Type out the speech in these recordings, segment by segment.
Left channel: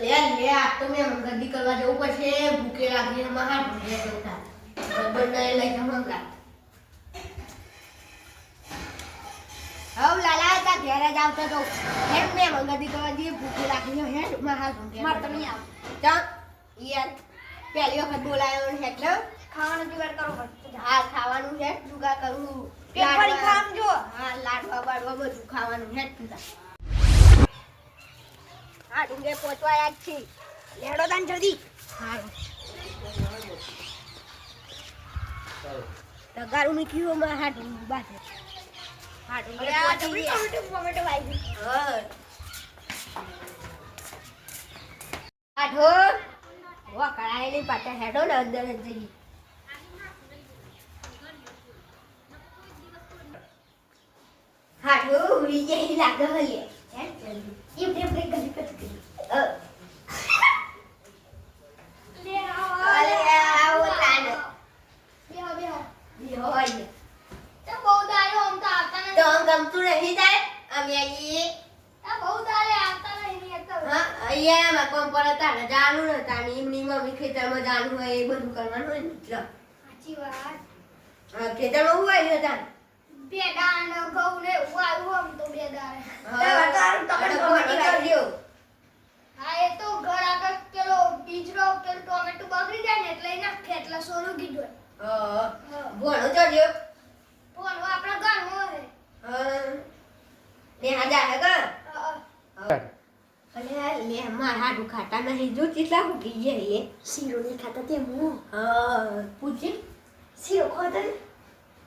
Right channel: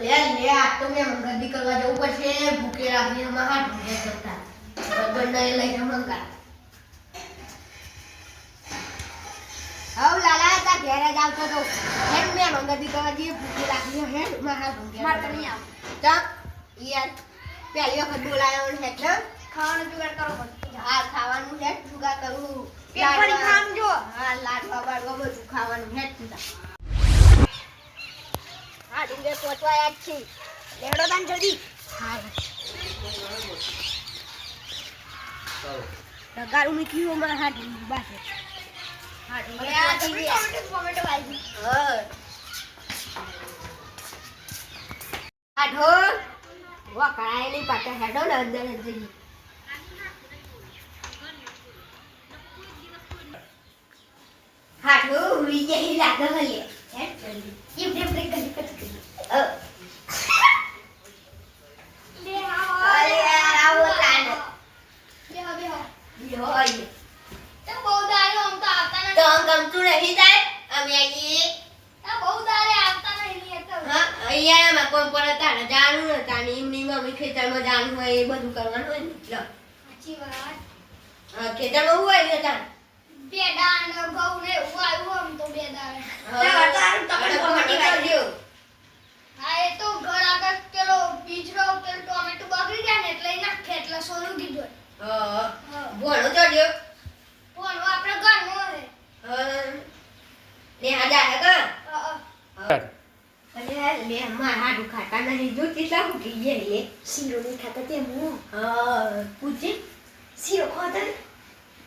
લે લે આ તો મેં ગંદી કરવા જવું પડશે ભૂખે લાગી માં હાથ ભૂખે જતા બંને લઈને મંગા હવ લાલા તા ઘેર જ આવતો તો હેડ મેં ગંદી કરવા દી ભૂખે લાગી હેડ માં હાથ ભૂખે માર તો નહીં આવ તા યાર પહેલી વખત બોલાયો ને એટલે ખાવાનું જુગાડ કરો હા ખાવાનું હેડ જુગાડ કરું કે ફરી ખામ જો હા લાડવા બાડવા બધું ખાવાનું હેડ તું હા ઢીંગે પહોંચવા યાદ છે લેડો તાન જલ્દી હા તગારું મૂક્યું માં હા ઢીંગ બાસે હા ઢીંગે ટોમેટો વાઈ હા આઢો વા કરાય નહીં પાટા હેડો ને અંદર જ જઈ હાડો ઉડી જઈ લાગે હલે હેડ જલ્દી એમ કરી લે આવો તાનો બે હવે યો તો બહુ દાડો આમ તો આવતા નથી તો ગમતું નહીં થાય અમે અહીં તો બહુ દાડે આવતા નહીં તો હા અહીંયા માં કોણ પર તાને જાણું ને તાની એમની મમ્મી ખેતરમાં જાણું હોય એ બધું કરવાનું હોય ને એટલે સાચી વાત હા ખેતરમાં હોય ને તાન બેડા અને ઘઉં ને ઉવાળું આમ તો બેડા હા એ તો ઘર આગળ પેલો બીજરો પેલો ટોમેટો બગડી જાય ને એટલે એના ખેતલા સોનું કીધું હા ભણો તો જો ભણો આપણે ઘરનો હે ને આજા હે ઘર અરે લે માર હાડું ખાતા નહીં જો કેટલા મૂકી ગયા લે શીરો નહીં ખાતા તે હું હા પૂછે શીરો ખાતા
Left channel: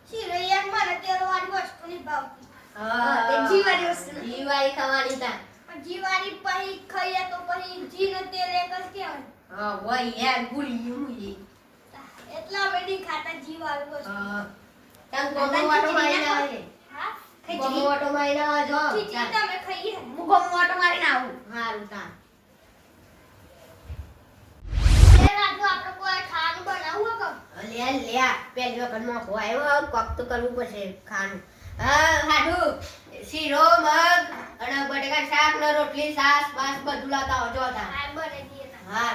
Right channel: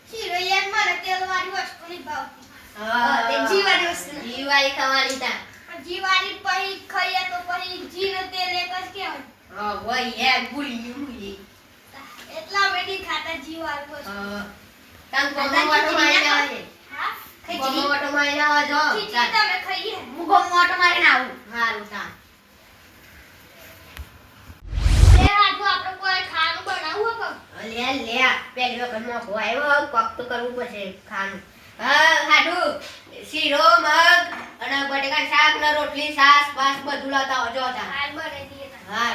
શીરો યાર મારે તેલવાળી વસ્તુ નહીં ભાવતી હા તે જીવાળી વસ્તુ જીવાળી ખાવાની તા જીવાળી પછી ખાઈએ તો પછી જીર તેલ એક જ કેવું હા વઈ યાર ભૂલી ગયું એટલા બેટી ખાતા જીવાળી વસ્તુ હા તમ ગોમવાટો મારીને આવે હા ગોમવાટો મારીને આવે જો ખીચડી તમે ખાઈએ હું ગોમવાટો મારીને આવું હારું તા આપણે કોઈ ખાવાનું બનાવવું હો લે લે પેલી વખત માં આવ્યો કોક તો કરવું પડશે ખાવાનું હા હાડુ શીરો મગ અને બટેકા શાક ને રોટલી સાસ બાસ બધું લાતા આવજો તા હાલ બને દીએ હા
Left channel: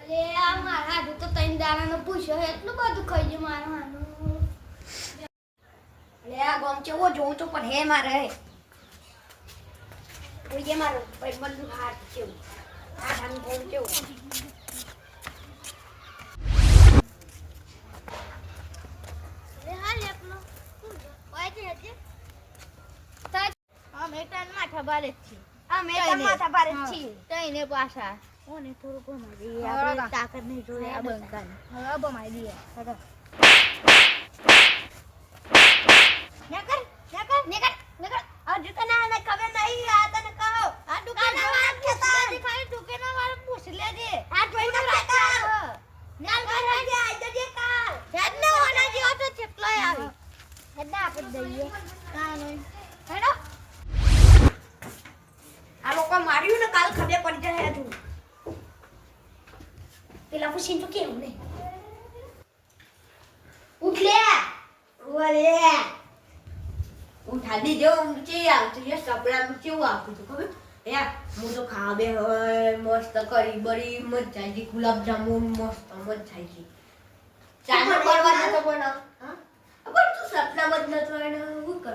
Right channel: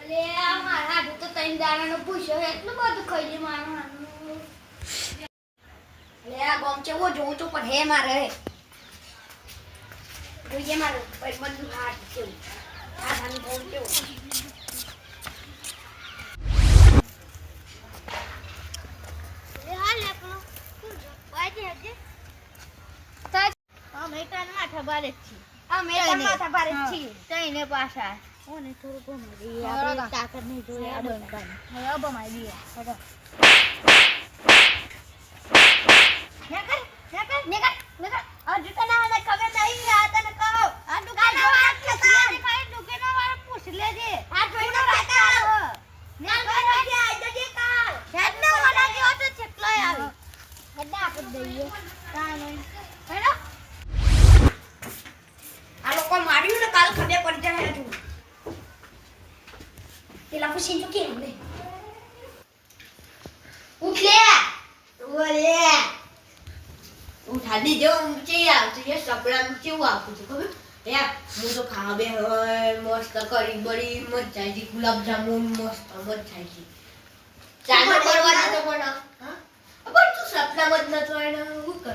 અલે આ માર હાડુ તો તૈન દાવાનો પૂછ્યો એટલું બધું ખાઈ મારવાનું અલે આ ગોમ ચેવો જોઉં તો પણ હે મારે જોઈએ મારો ભાઈ બધું હાથ છે આ ધાન ગોમ ચેવો ને પાછા ઓને થોડું ગમાડી આપણે તાકાત નહીં જોડે આ બંકાને હવે બમાઈ દઈએ હટો નકર આ દુકાના ને ખબર નહીં આ તને કહો આ દુકાના વાત થતા ખાલી દુકાના વાળા પૂછ લેજે આ જોઈને કાકા નાલ બનાજે આ જજે કાલ હેડને ઓલા જે હતો કેટલો આવે હેડા આપી દઈએ કાને હેડો આ લોકો માર્યું ને કાલ ખબર પડી જાય તું પેલા પૂછી તો કેમ ને ઉઠ લે ઓલે ઉઠા દીજો ઊંચી આવતી એ સપના કેવું આવતું છે ખબર હે હું તો ખાવે મસ્ત કરી બડી મજા આવી ગુલાબ જામુન મસ્ત મજા આવી ચાલો કરવાનો તો પણ હા પણ તું સપનામાં જ નતો એને શું કરો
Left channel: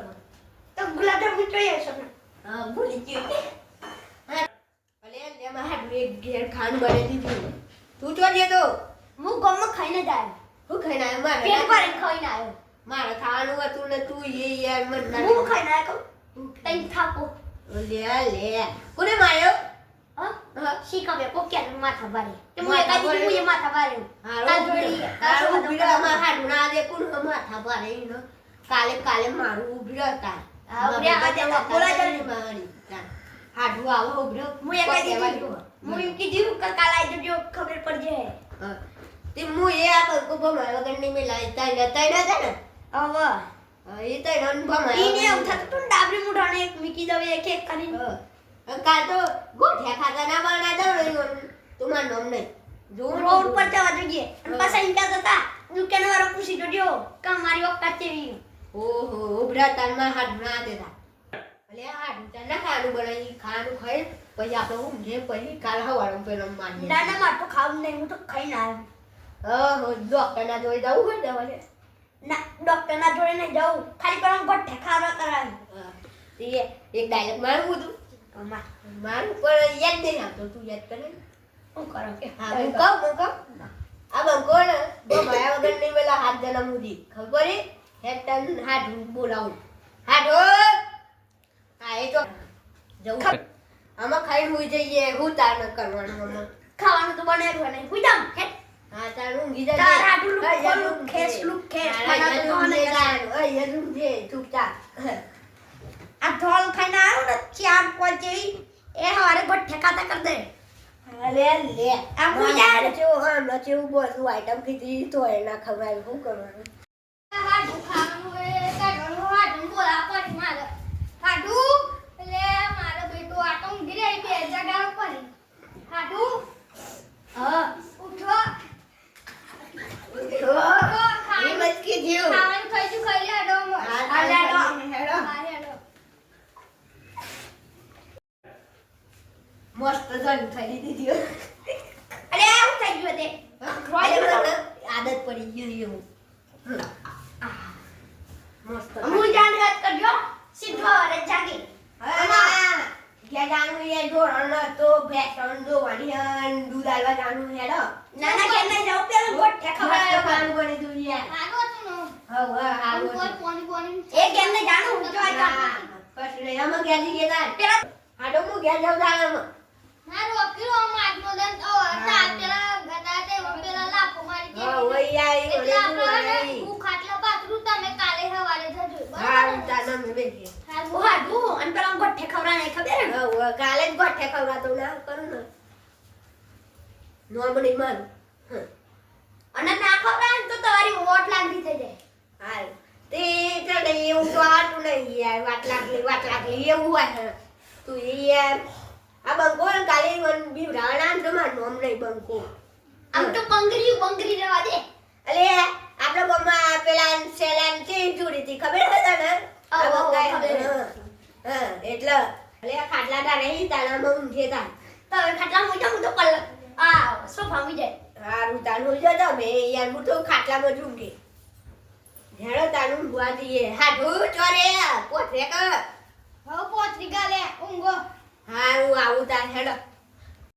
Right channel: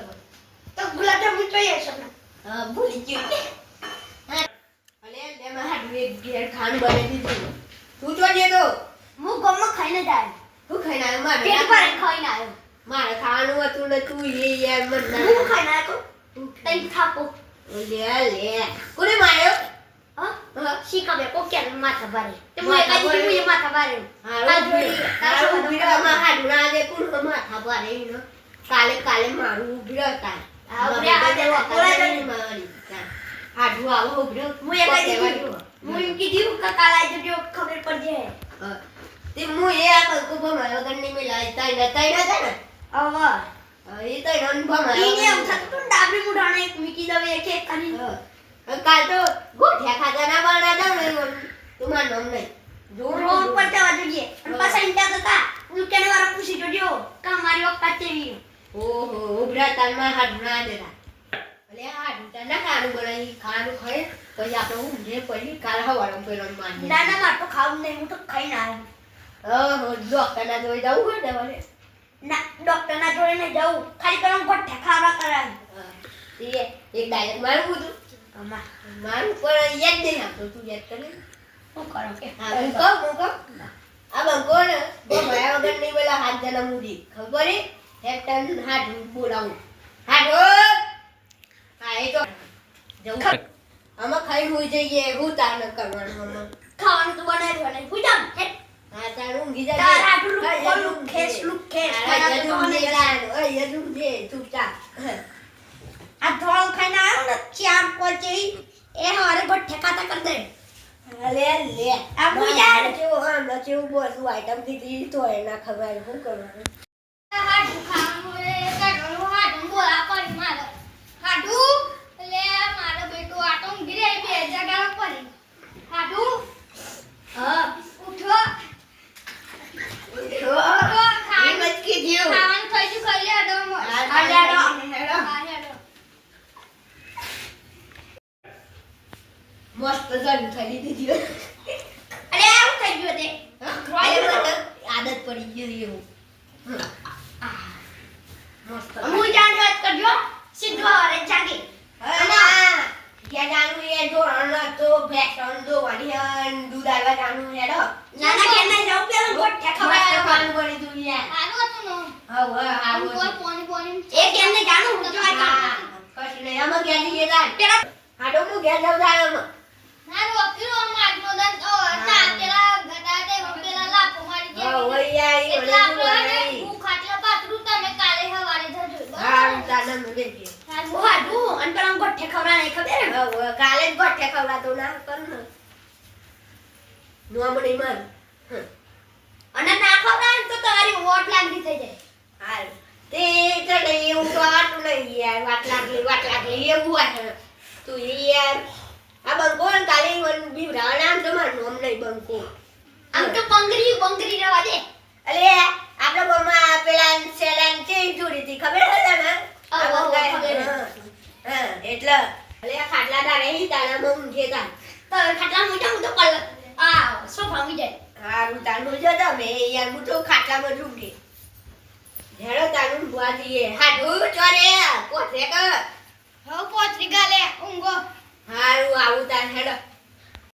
તો ગુલાબ જામુન જોઈએ સપના હા ભૂલી ગયો અલે લે માં હાડું એક ઘેર ખાવાનું બનાવી દીધું તું તો જે તો હું ગમમાં ખાઈને જાય હું ખાઈને આવ્યો મારે પેટ પર ખાઈને આવ્યો મારે ખાવાનું હતું ને તું એ યાર મત ના હું ખાઈને આવ્યો તઈ થાપો લે લે કોને માર્યો હા શીખા બે કોકે માથા ભારે તે હું એ માથા ભારે હા ઉભી રહો માં હાડું ના દે કોણ માથા ભારે નો કાલે મારું ઉભી રહેતા હા કોલા જની મારી હાડું આવો ઉભી રહો હું એમ કીધું કે કાલ આવી જજો ખબર પડજે તે હું એ આ બકો ભમાયો ગણની મે લાઈ તાઈ ના છે ને હવે એ તો રન ભમાયો ઈને ઉઠા તું ડાબરી મુઢાણે એક મીકી દવે એક એક કરી કાલ તો ગોઠિયા ખાતા ના બના દઉં ને તું માર નામ નહીં રોડ પર જવા જોઈએ અને પાછા ઇંટા હતા ઉકેને વાળા પૂછી જોજો કે મારી વખત ચેવી ઓહો ઉભરા તાલમાં હાથ ના દેતા અલે આ ઢૂંટા ના ખાવાનું બનાવી ખાવાનું ખાઈ પછી આપણે ઊંઘે પછી કાલ હવારે પેલો માની ના ના મારે તો ખાવું નહીં હું તો ખાઈને આવ્યો ડોક્ટરના જોઈ જવું હોય દવાને ના ડોક્ટરના જોડે નહીં જવું ખાલી પેલા ગોઠે ખાવા કરાવી એક ડાયરેક્ટ મારવું હતું મારું પણ યાદ નહીં આપતો તું યાદ કરે શું કરો કે હા હું કહું આ બંકો ને ભયા વગર નહીં પેલા હાથ જણા મુદી ખબર એક ટન હાથ બોલાવું હાથો હા એ તો જવું આમાં ખાઈ હોઈ જઈએ હું તાર ન કરવાનું આમાં ખાવાનું તો બનાવ્યું નહીં હું જામ હે હા તારું ઊંઘી જાય તારા આટલું લુક ખેસ મને તો કોને જાય ઓય યદું દે તું ચા આ ધોળ ખાઈને આવ્યો ને ચાર કોચડી એ હવારે ગોઠે ખાતા કર દે લે લે આ મુજા જો હા નચે બધું આઈટમ કીધી તો એના ખબર શું કરવાનું હાડું ખાવાનું રે કાઢવાનું હાડું બોલા પડી મારે હાડું એટલે મારો બેટો આટો ઊંઘી રહી બે જગાડો પડી હાડું હા ઉઠો ઉઠો એ મચકી જીવ ખાવાનું થઈ ગયું ખાઈ લેડો હા હેડો હેડો હેડો મસ્ત જન થઈ દીધી અરે આવું થઈ ગયું તે આદત પડી ગઈ એવું મસ્ત હું જાણ વાત કરજો સીધો હવારે જાગી ક્યાં જાણું એ ધોરણ તો ભેસણ ધોવાની હન દૂધ આલવા જાણું હેડો નાના કે નહીં જાવ પેલા ગોઠે ખબર ખવડાવવાનું ખાવાનું પડી તું યાર હારું હતું ને હવે હારું હારું પોની પોની એ કેમ નહીં જાણું હું જો આ કામ કશું નહીં આમાં ઘેર જઈએ તાર પેલા હાડો હું ઘેર જાઉં તાર આમાં હારું અકીરો માટનો દન ઓ ચાર પેલા ગડા તે પેલા લાફો મારી દે હા ઓય યાર ઈ એટલે ઓલે તું આપણે નહીં હું ખાટલા પાથરું તમે કાલે હવારે જજો હા બરાબર તાના મને દે હું હાડું અને પેલા ગોઠે ખવડા નહીં ખબર હે? હવે કાલે જ ગોઠે ખવડાતો ના કરું ને નોમણી મન અને ના ખવડાવે ને તો તમારી વોટ લાગી થઈ જાય હાલ તે તને એવું તો આટલું નહીં યાર વાત લાગલી એવું હોય છે તું યાર આ બંકો ને કાલે મને બીવરાવા નામ તો મારું નામ નહીં બંકો આમ તો બંગરી રહેવા દે અલે આપણા ગામમાં પેલા સેલાન તે જોડી હતી ખબર છે તને આ આવો, બંકાય ખબર. હા એટલે અલે આ ખાટલા તારે ઈ તારામાં ઊંઘે તાર તો ખાટલા મોટા હું તો કલ આ સોફા મી જાય હારું તારું જો તમે યાર હું તો ખાટલામાં જ ઊંઘે હેડો તારું બુઆ જઈએ હાડું ચોરે પોતે કર હવે પોચરી ગાલે ઊંઘો હારું આવું તાર હેડો